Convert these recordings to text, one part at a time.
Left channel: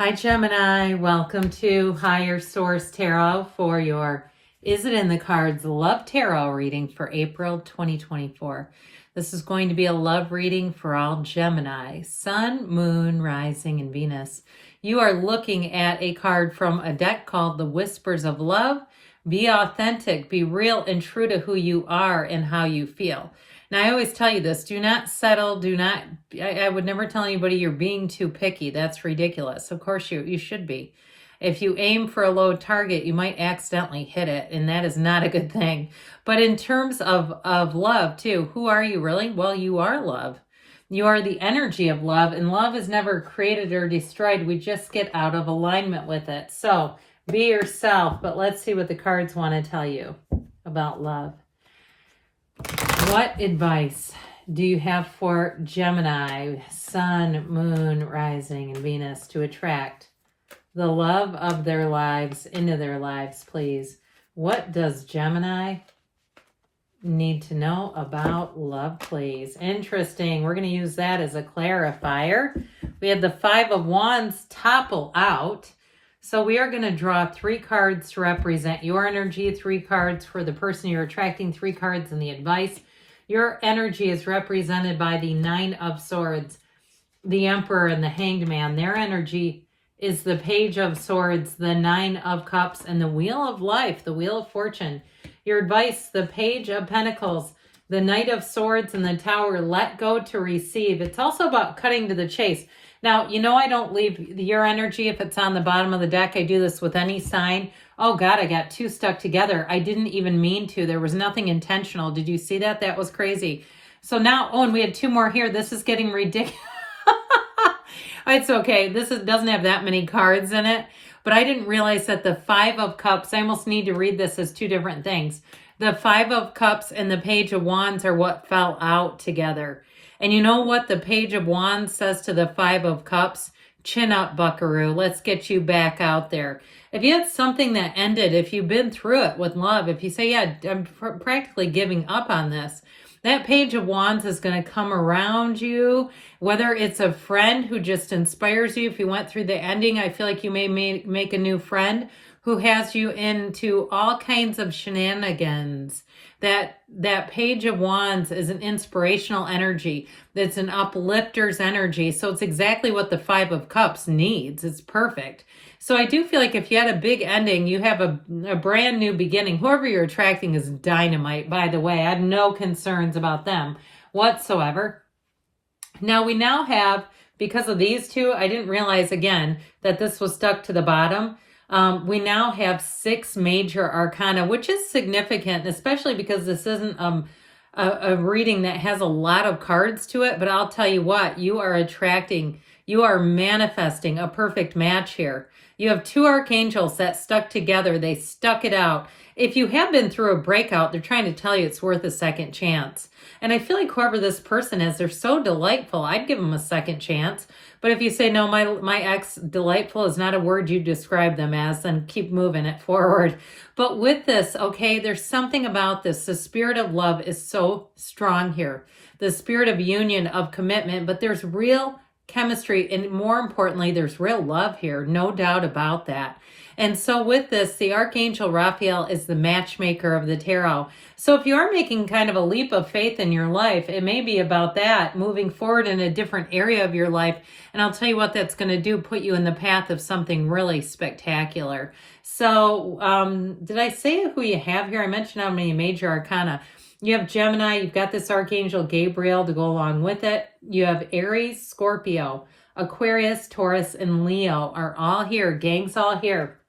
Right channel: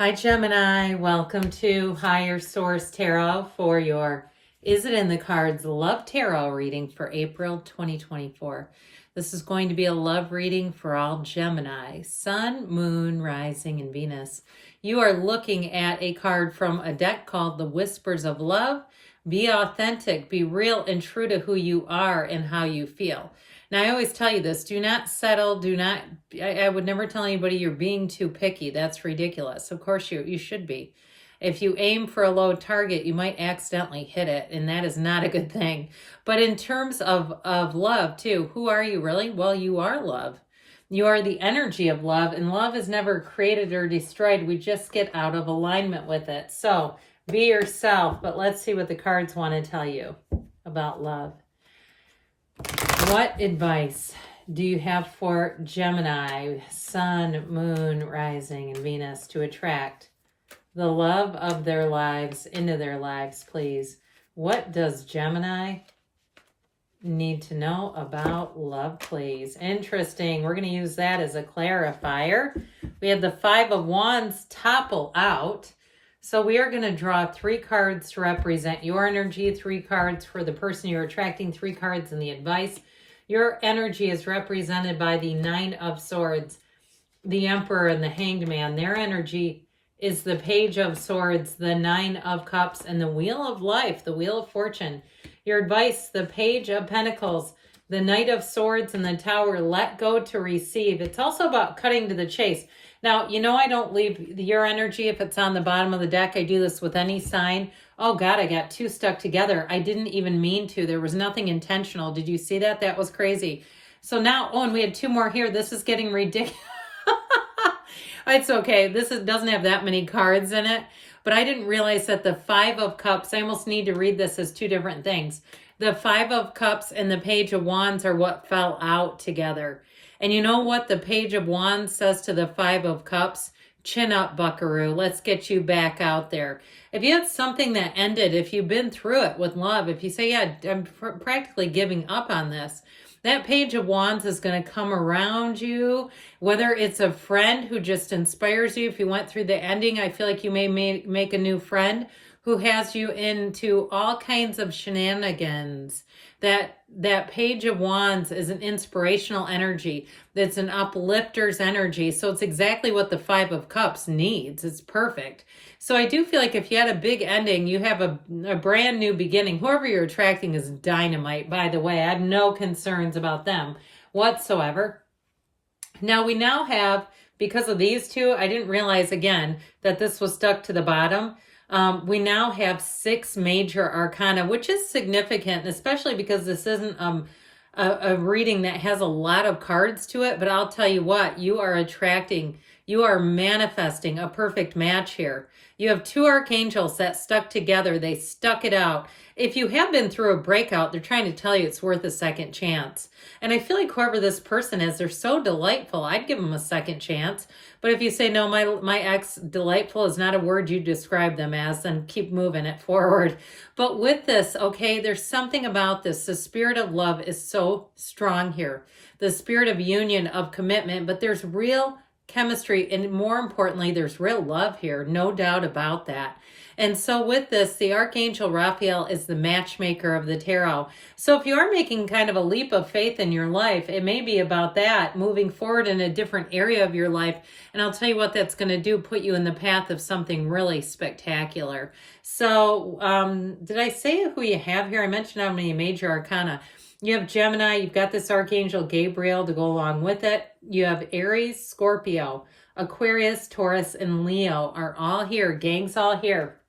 Hi Gemini, welcome to Higher Source Tarot for your Is It in the Cards Love Tarot reading for April 2024. This is going to be a love reading for all Gemini, Sun, Moon, Rising, and Venus. You are looking at a card from a deck called The Whispers of Love. Be authentic, be real and true to who you are and how you feel. Now, I always tell you this, do not settle, I would never tell anybody you're being too picky. That's ridiculous. Of course you should be. If you aim for a low target, you might accidentally hit it, and that is not a good thing. But in terms of love, too, who are you really? Well, you are love. You are the energy of love, and love is never created or destroyed. We just get out of alignment with it. So be yourself, but let's see what the cards want to tell you about love. What advice do you have for Gemini, Sun, Moon, Rising, and Venus to attract the love of their lives into their lives, please? What does Gemini need to know about love, please? Interesting. We're going to use that as a clarifier. We had the Five of Wands topple out. So we are going to draw 3 cards to represent your energy, 3 cards for the person you're attracting, 3 cards in the advice. Your energy is represented by the Nine of Swords, the Emperor, and the Hanged Man. Their energy is the Page of Swords, the Nine of Cups, and the Wheel of Life, the Wheel of Fortune. Your advice, the Page of Pentacles, the Knight of Swords, and the Tower. Let go to receive. It's also about cutting to the chase. Now, you know I don't leave your energy if it's on the bottom of the deck. I do this with any sign. Oh, God, I got 2 stuck together. I didn't even mean to. There was nothing intentional. Did you see that? That was crazy. So now, oh, and we had 2 more here. This is getting ridiculous. It's okay. Doesn't have that many cards in it. But I didn't realize that the 5 of Cups, I almost need to read this as 2 different things. The 5 of Cups and the Page of Wands are what fell out together. And you know what the Page of Wands says to the 5 of Cups? Chin up, buckaroo. Let's get you back out there. If you had something that ended, if you've been through it with love, if you say, yeah, I'm practically giving up on this, that Page of Wands is going to come around you, whether it's a friend who just inspires you. If you went through the ending, I feel like you may make a new friend who has you into all kinds of shenanigans. That Page of Wands is an inspirational energy. It's an uplifter's energy. So it's exactly what the 5 of Cups needs. It's perfect. So I do feel like if you had a big ending, you have a brand new beginning. Whoever you're attracting is dynamite, by the way. I have no concerns about them whatsoever. Now we now have, because of these 2, I didn't realize again that this was stuck to the bottom. We now have 6 major arcana, which is significant, especially because this isn't a reading that has a lot of cards to it. But I'll tell you what, you are manifesting a perfect match here. You have 2 archangels that stuck together. They stuck it out. If you have been through a breakout, they're trying to tell you it's worth a second chance. And I feel like whoever this person is, they're so delightful. I'd give them a second chance. But if you say, no, my ex delightful is not a word you describe them as, then keep moving it forward. But with this, okay, there's something about this. The spirit of love is so strong here. The spirit of union, of commitment, but there's real chemistry, and more importantly, there's real love here, no doubt about that. And so with this, the Archangel Raphael is the matchmaker of the tarot. So if you are making kind of a leap of faith in your life, it may be about that, moving forward in a different area of your life. And I'll tell you what that's going to do, put you in the path of something really spectacular. So did I say who you have here? I mentioned how many major arcana. You have Gemini, you've got this Archangel Gabriel to go along with it. You have Aries, Scorpio, Aquarius, Taurus, and Leo are all here. Gang's all here.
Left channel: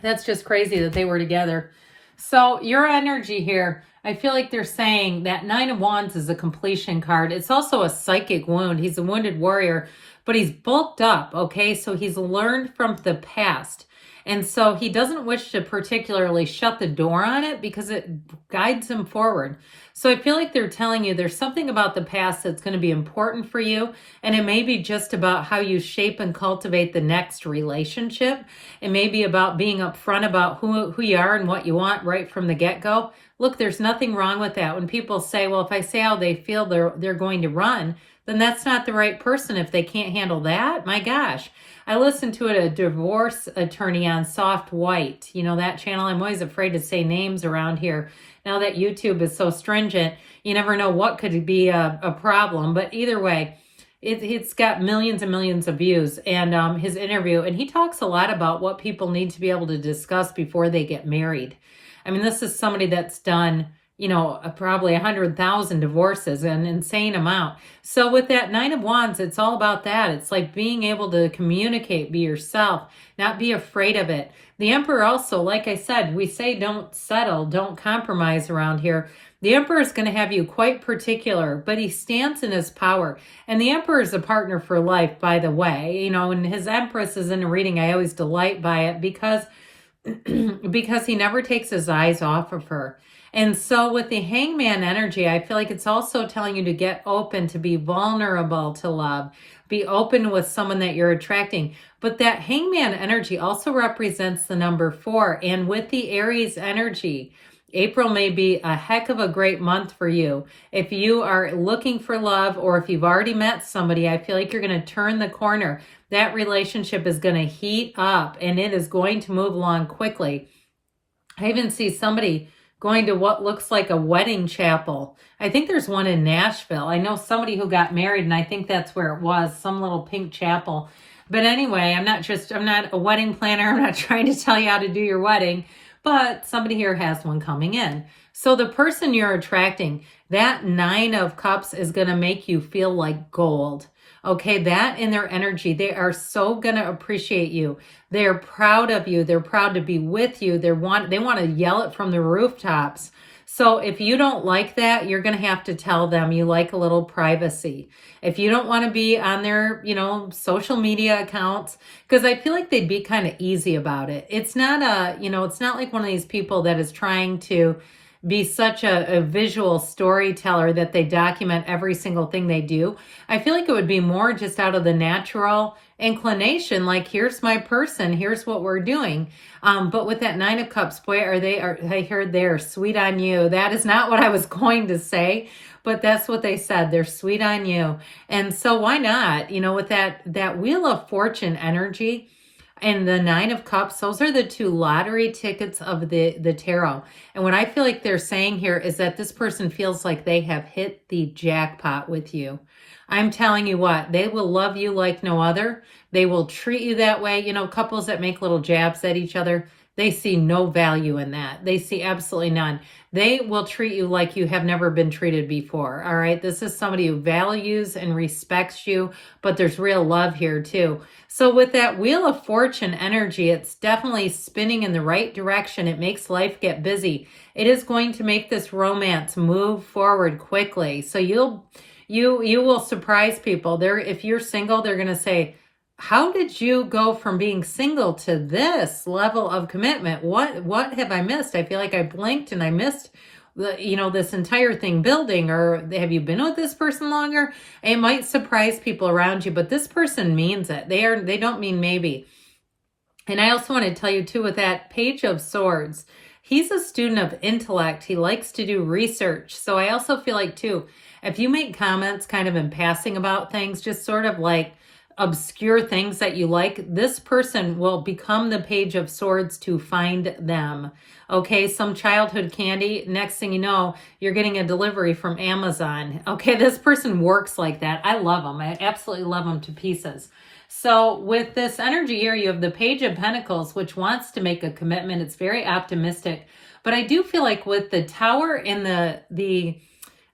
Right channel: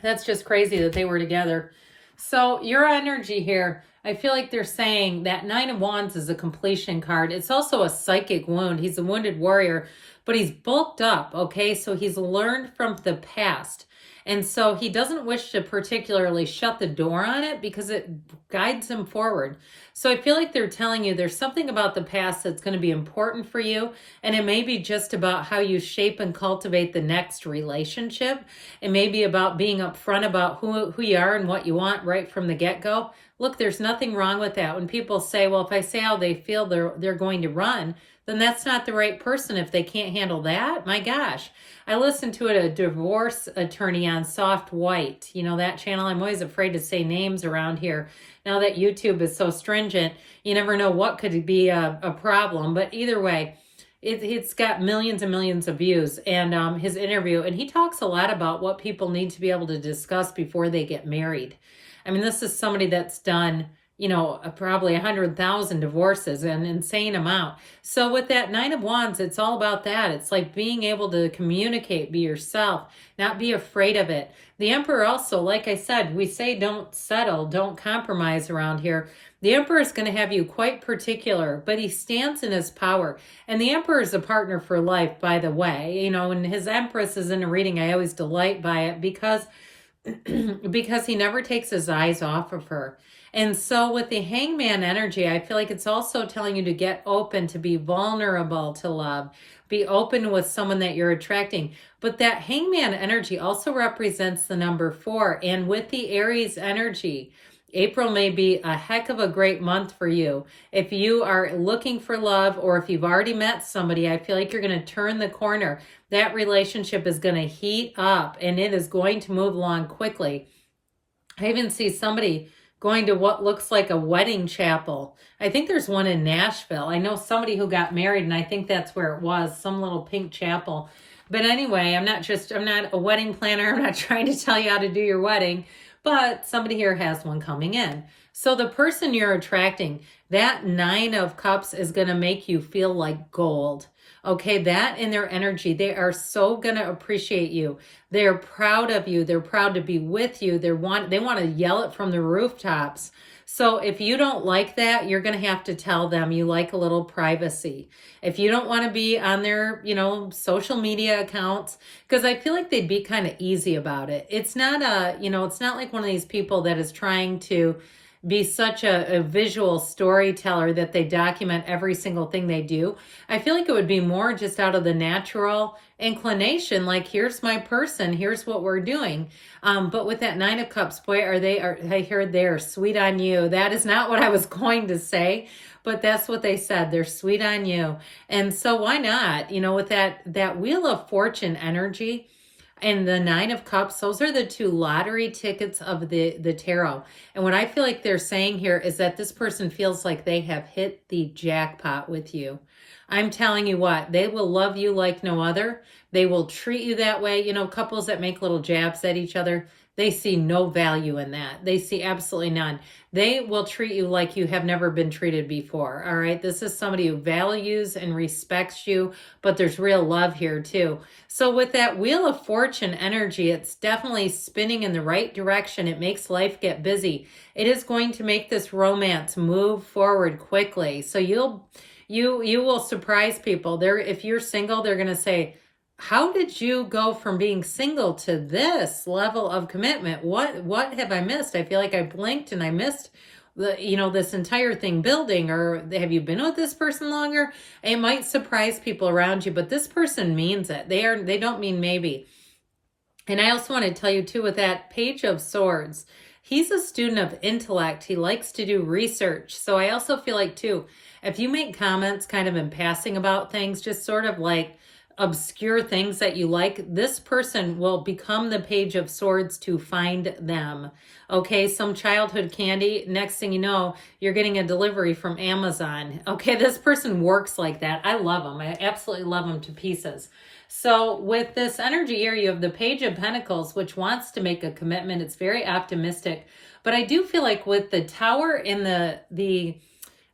That's just crazy that they were together. So your energy here, I feel like they're saying that 9 of Wands is a completion card. It's also a psychic wound. He's a wounded warrior, but he's bulked up, okay? So he's learned from the past. And so he doesn't wish to particularly shut the door on it because it guides him forward. So I feel like they're telling you there's something about the past that's going to be important for you. And it may be just about how you shape and cultivate the next relationship. It may be about being upfront about who you are and what you want right from the get-go. Look, there's nothing wrong with that. When people say, well, if I say how they feel, they're going to run. then that's not the right person. If they can't handle that, my gosh. I listened to a divorce attorney on Soft White. You know, that channel. I'm always afraid to say names around here. Now that YouTube is so stringent, you never know what could be a problem. But either way, it's got millions and millions of views, and his interview, and he talks a lot about what people need to be able to discuss before they get married. I mean, this is somebody that's done, you know, probably 100,000 divorces, an insane amount. So with that Nine of Wands, it's all about that. It's like being able to communicate, be yourself, not be afraid of it. The Emperor also, like I said, we say don't settle, don't compromise around here. The Emperor is going to have you quite particular, but he stands in his power. And the Emperor is a partner for life, by the way. You know, when his Empress is in a reading, I always delight by it because he never takes his eyes off of her. And so with the Hangman energy, I feel like it's also telling you to get open, to be vulnerable to love, be open with someone that you're attracting. But that Hangman energy also represents the number 4. And with the Aries energy, April may be a heck of a great month for you. If you are looking for love, or if you've already met somebody, I feel like you're going to turn the corner. That relationship is going to heat up, and it is going to move along quickly. I even see somebody going to what looks like a wedding chapel. I think there's one in Nashville. I know somebody who got married, and I think that's where it was, some little pink chapel. But anyway, I'm not a wedding planner. I'm not trying to tell you how to do your wedding. But somebody here has one coming in. So the person you're attracting, that 9 of Cups is going to make you feel like gold. Okay, that in their energy, they are so going to appreciate you. They're proud of you. They're proud to be with you. They want to yell it from the rooftops. So if you don't like that, you're going to have to tell them you like a little privacy. If you don't want to be on their, you know, social media accounts, because I feel like they'd be kind of easy about it. It's not it's not like one of these people that is trying to be such a visual storyteller that they document every single thing they do. I feel like it would be more just out of the natural inclination, like, here's my person, here's what we're doing. But with that 9 of Cups, boy, I heard they're sweet on you. That is not what I was going to say, but that's what they said. They're sweet on you. And so why not? You know, with that Wheel of Fortune energy, and the 9 of Cups, those are the 2 lottery tickets of the tarot. And what I feel like they're saying here is that this person feels like they have hit the jackpot with you. I'm telling you what, they will love you like no other. They will treat you that way. You know, couples that make little jabs at each other, they see no value in that. They see absolutely none. They will treat you like you have never been treated before, all right? This is somebody who values and respects you, but there's real love here too. So with that Wheel of Fortune energy, it's definitely spinning in the right direction. It makes life get busy. It is going to make this romance move forward quickly. So you will surprise people. If you're single, they're going to say, how did you go from being single to this level of commitment? What have I missed? I feel like I blinked and I missed this entire thing building. Or have you been with this person longer? It might surprise people around you, but this person means it. They don't mean maybe. And I also want to tell you too, with that Page of Swords, he's a student of intellect. He likes to do research. So I also feel like too, if you make comments kind of in passing about things, just sort of like obscure things that you like, this person will become the Page of Swords to find them. Okay, some childhood candy, next thing you know, you're getting a delivery from Amazon. Okay, this person works like that. I love them. I absolutely love them to pieces. So with this energy here, you have the Page of Pentacles, which wants to make a commitment. It's very optimistic. But I do feel like with the Tower and the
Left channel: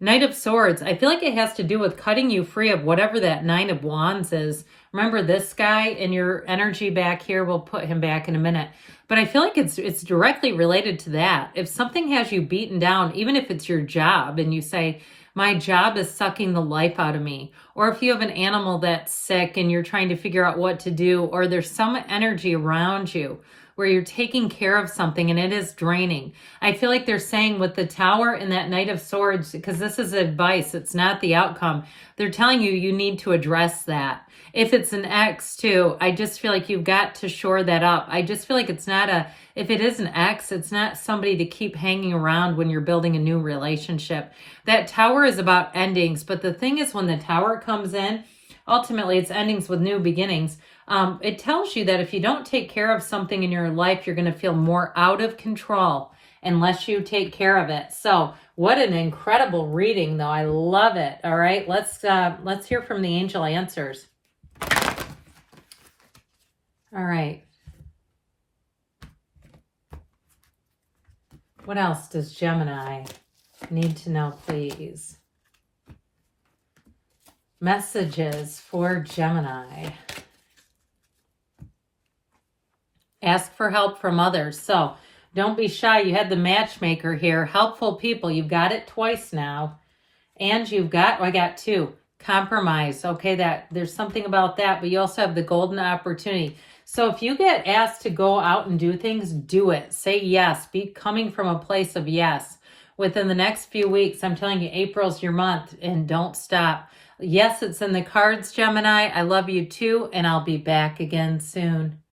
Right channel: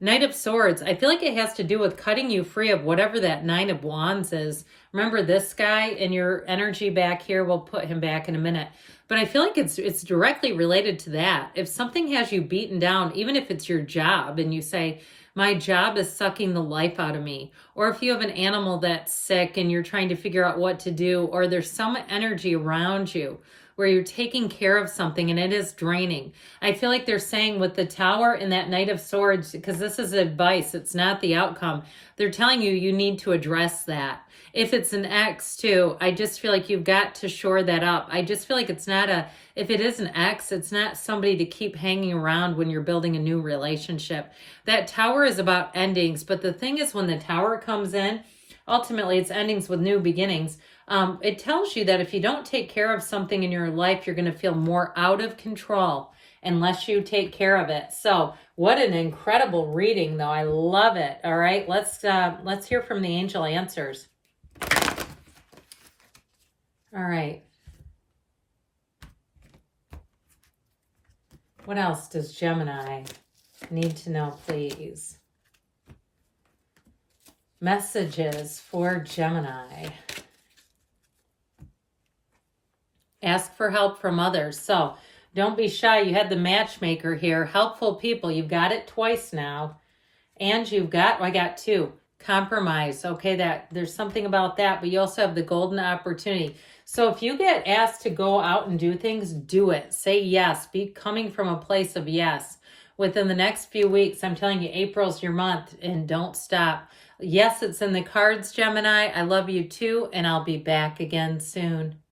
Knight of Swords, I feel like it has to do with cutting you free of whatever that 9 of Wands is. Remember this guy in your energy back here? We'll put him back in a minute. But I feel like it's directly related to that. If something has you beaten down, even if it's your job, and you say, my job is sucking the life out of me. Or if you have an animal that's sick and you're trying to figure out what to do, or there's some energy around you where you're taking care of something and it is draining. I feel like they're saying with the Tower and that Knight of Swords, because this is advice, it's not the outcome. They're telling you you need to address that. If it's an ex too, I just feel like you've got to shore that up. I just feel like it's not a, if it is an ex, it's not somebody to keep hanging around when you're building a new relationship. That Tower is about endings, but the thing is when the Tower comes in, ultimately it's endings with new beginnings. It tells you that if you don't take care of something in your life, you're going to feel more out of control unless you take care of it. So what an incredible reading though. I love it. All right, let's hear from the angel answers. All right. What else does Gemini need to know, please? Messages for Gemini. Ask for help from others. So don't be shy. You had the matchmaker here. Helpful people. You've got it twice now. And you've got, I got two. Compromise. Okay, there's something about that. But you also have the golden opportunity. So if you get asked to go out and do things, do it. Say yes. Be coming from a place of yes. Within the next few weeks, I'm telling you, April's your month, and don't stop. Yes, it's in the cards, Gemini. I love you too, and I'll be back again soon.